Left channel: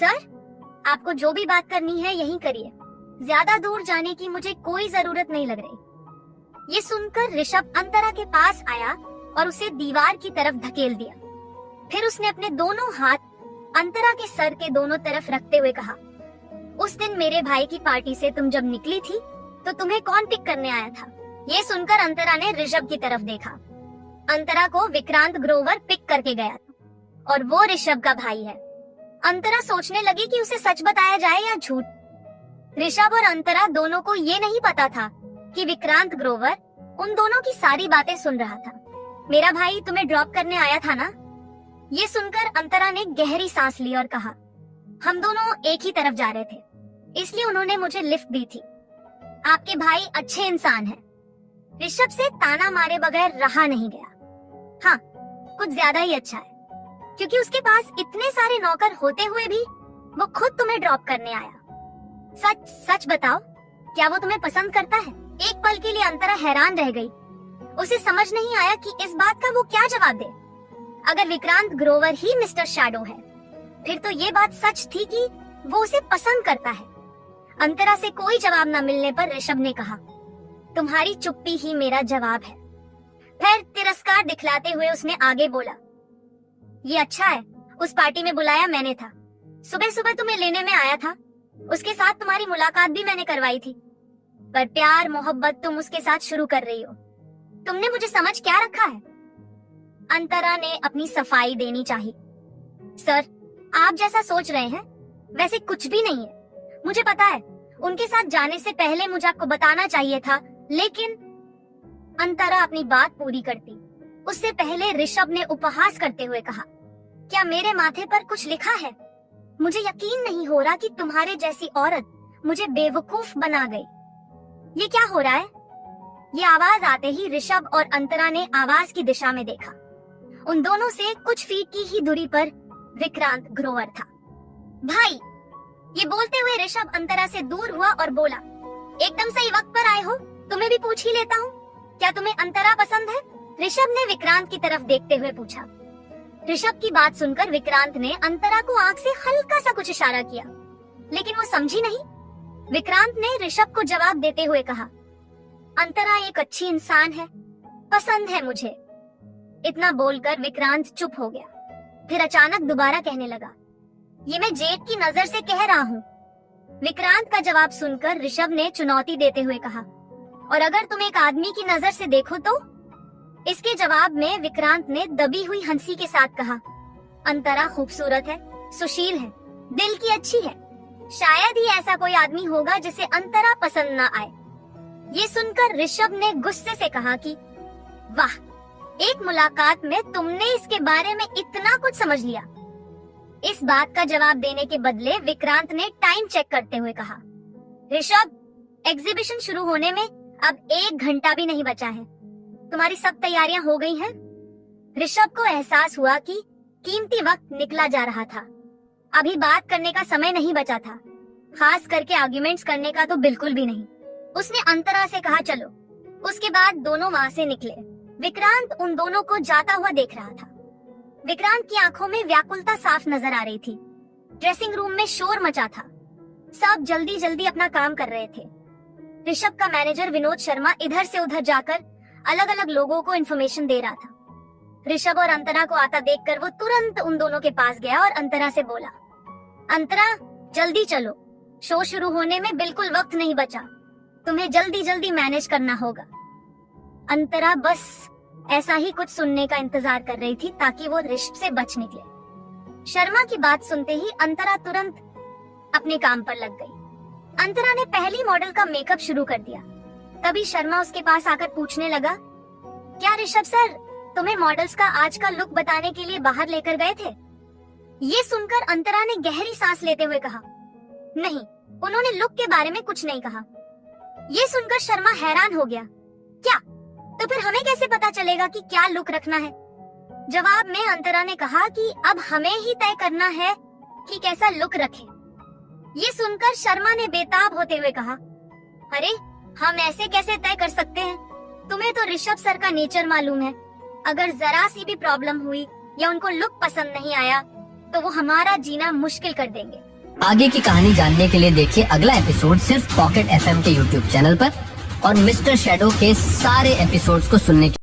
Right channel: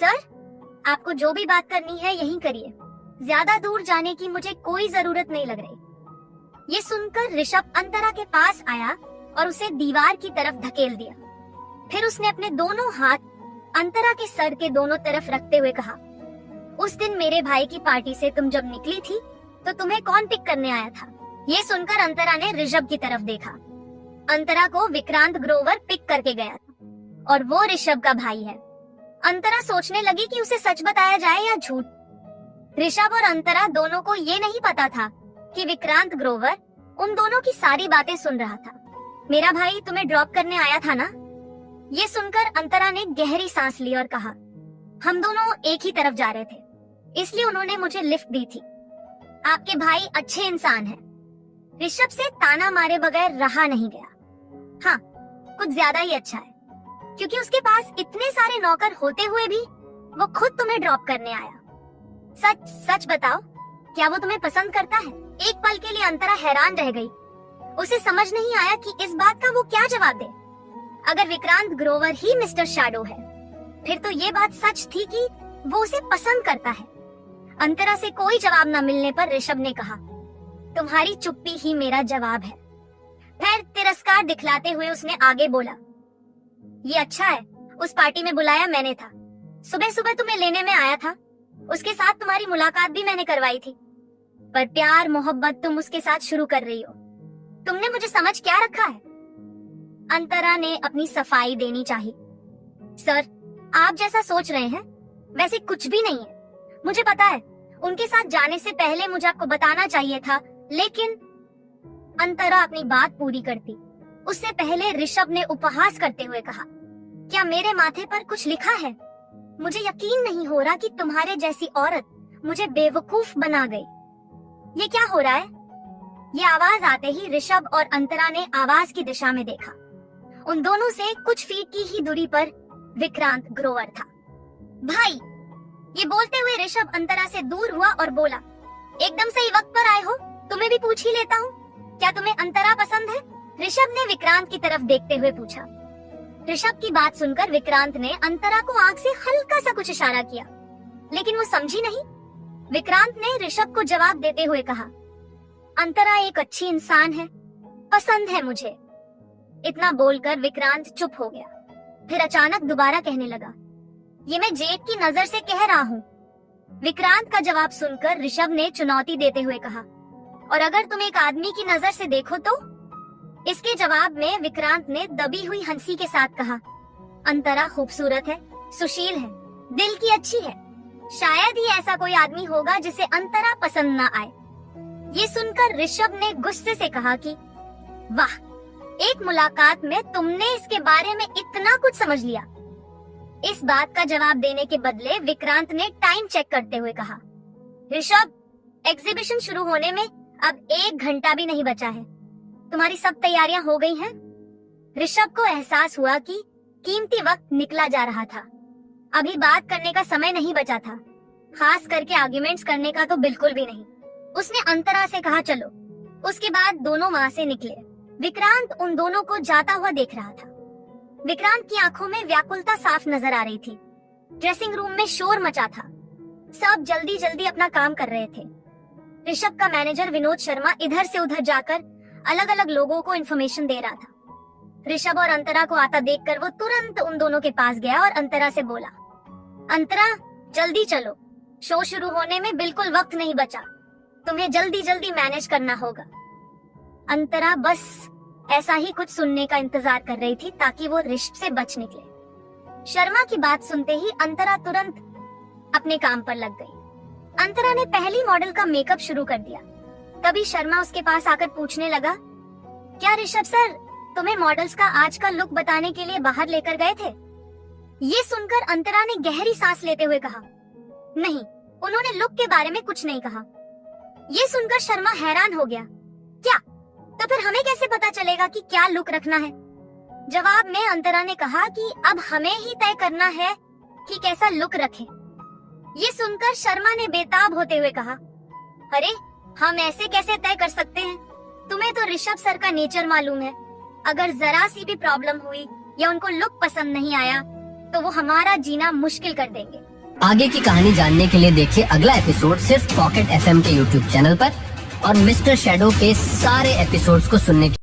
Sir, आपको जो भी बात करनी है यहीं करिए, ज्यादा दूर जाने की मुझे कोई जरूरत नहीं लग रही। ये सुनकर ऋषभ अंतरा के पास आया और उसे दीवार की तरफ धकेल दिया। फिर उसने अपने दोनों हाथ अंतरा के सर के दोनों तरफ रखते हुए कहा, उस दिन मेरे भाई की पार्टी से तुम जब निकली थी तो तुम्हें कौन पिक करने आया था? ये सुनकर अंतरा ने ऋषभ की तरफ देखा। अंतरा को विक्रांत ग्रोवर पिक करके गया था और वो ऋषभ का भाई है। अंतरा सोचने लगी कि उसे सच बताया जाए या झूठ। ऋषभ और अंतरा दोनों को ये नहीं पता था कि विक्रांत ग्रोवर उन दोनों की सारी बातें सुन रहा था। मेरा भाई तुम्हें ड्रॉप करने आया था ना? ये सुनकर अंतरा ने गहरी सांस ली और कहा, हम दोनों एक ही तरफ जा रहे थे, इसलिए उन्होंने मुझे लिफ्ट दी थी। आपके भाई अच्छे इंसान हैं। ऋषभ से ताना मारे बगैर रहा नहीं गया। हाँ, कुछ ज्यादा ही अच्छा है, क्योंकि उसके पास इतने सारे नौकर होते हुए भी वो खुद तुम्हें ड्रॉप करने आया। सच सच बताओ, क्या वो तुम्हें पसंद करता है? एक पल के लिए अंतरा हैरान रह गई। उसे समझ नहीं आया कि इस बात का वो क्या जवाब दे। अगर विक्रांत ग्रोवर ही मिस्टर शैडो है, फिर तो ये बात सच थी कि वो उसे पसंद करता है। अंतरा से कोई जवाब न मिलने पर ऋषभ ने कहा, तुम्हारी चुप्पी ही मेरा जवाब है। फिर तिरस्कार दिखलाते हुए उसने आगे बोला, ये अच्छा है, उस पार्टी में बुलाया मैंने था। सुबह सुबह तुम्हें लेने में आया था, उसके साथ तुम्हारी मुलाकात भी मैंने करवाई थी, पर प्यार मोहब्बत तुम उसके साथ शुरू कर रही हो। तुमने मुझे समझ क्या रखा है? अंतरा ने अपनी सफाई देनी चाहिए। सर, आप जैसा सोच रहे हैं वैसे कुछ भी नहीं है। मुझे पता है, उनके साथ जाने से पहले मुझे आपको बताना चाहिए था, लेकिन अंतरा अपनी बात पूरी करती उससे पहले ऋषभ ने उपहास करते हुए कहा, क्या मेरे माथे पर कुछ लिखा है? मुझे यकीन नहीं हो रहा कि तुम्हारे जैसी औरत मुझे बेवकूफ बना गई। ये क्या हो रहा है? ये आवाज आते ही ऋषभ और अंतरा ने आवाज की दिशा में देखा। उन दोनों से कुछ फीट की ही दूरी पर विक्रांत ग्रोवर था। भाई, ये बोलते हुए ऋषभ अंतरा से दूर हुआ और बोला, एकदम सही वक्त पर आए हो, तुम्हें भी पूछ ही लेता हूँ, क्या तुम्हें अंतरा पसंद है? ऋषभ ने विक्रांत की तरफ देखते हुए पूछा। ऋषभ की बात सुनकर विक्रांत ने अंतरा को आंख से हल्का सा कुछ इशारा किया, लेकिन वो समझी नहीं। विक्रांत ने ऋषभ को जवाब देते हुए कहा, अंतरा एक अच्छी इंसान है, पसंद है मुझे। इतना बोलकर विक्रांत चुप हो गया। फिर अचानक दोबारा कहने लगा, ये मैं जेठ की नजर से कह रहा हूँ। विक्रांत का जवाब सुनकर ऋषभ ने चुनौती देते हुए कहा, और अगर तुम एक आदमी की नजर से देखो तो? इसके जवाब में विक्रांत ने दबी हुई हंसी के साथ कहा, अंतरा खूबसूरत है, सुशील है, दिल की अच्छी है, शायद ही ऐसा कोई आदमी होगा जिसे अंतरा पसंद न आए। ये सुनकर ऋषभ ने गुस्से से कहा कि वाह, एक मुलाकात में तुमने इसके बारे में इतना कुछ समझ लिया। इस बात का जवाब देने के बदले विक्रांत ने टाइम चेक करते हुए कहा, ऋषभ, एग्जीबिशन शुरू होने में अब 1 घंटा भी नहीं बचा है, तुम्हारी सब तैयारियां हो गई हैं? ऋषभ को एहसास हुआ कि कीमती वक्त निकला जा रहा था। अभी बात करने का समय नहीं बचा था, खास करके आर्ग्यूमेंट्स करने का तो बिल्कुल भी नहीं। उसने अंतरा से कहा, चलो। उसके बाद दोनों वहाँ से निकले। विक्रांत उन दोनों को जाता हुआ देख रहा था। विक्रांत की आंखों में व्याकुलता साफ नजर आ रही थी। ड्रेसिंग रूम में शोर मचा था, सब जल्दी जल्दी अपना काम कर रहे थे। ऋषभ का मैनेजर विनोद शर्मा इधर से उधर जाकर अलग अलग लोगों को इन्फॉर्मेशन दे रहा था। ऋषभ और अंतरा को आता देखकर वो तुरंत उन दोनों के पास गया और अंतरा से बोला, अंतरा, जल्दी चलो, शो शुरू होने में बिल्कुल वक्त नहीं बचा, तुम्हें जल्दी जल्दी मैनेज करना होगा। अंतरा बस ऐसा ही कुछ सुनने का इंतजार कर रही थी ताकि वो ऋषभ से बच निकले। शर्मा की बात सुनते ही अंतरा तुरंत अपने काम पर लग गई। अंतरा ने पहली मॉडल का मेकअप शुरू कर दिया। तभी शर्मा उसके पास आकर पूछने लगा, क्या ऋषभ सर तुम्हें मॉडल्स का आज का लुक बताने के लिए बाहर लेकर गए थे? ये सुनकर अंतरा ने गहरी सांस लेते हुए कहा, नहीं, उन्होंने लुक के बारे में कुछ नहीं कहा। ये सुनकर शर्मा हैरान हो गया, क्या? तो फिर हमें कैसे पता चलेगा कि क्या लुक रखना है? जवाब में अंतरा ने कहा कि अब हमें ही तय करना है कि कैसा लुक रखें। ये सुनकर शर्मा ने बेताब होते हुए कहा, अरे हम ऐसे कैसे तय कर सकते हैं? तुम्हें तो ऋषभ सर का नेचर मालूम है, अगर जरा सी भी प्रॉब्लम हुई या उनको लुक पसंद नहीं आया तो वो हमारा जीना मुश्किल कर देंगे। आगे की कहानी जानने के लिए देखिए अगला एपिसोड सिर्फ पॉकेट FM के YouTube चैनल पर और मिस्टर शैडो के सारे एपिसोड्स को सुनने के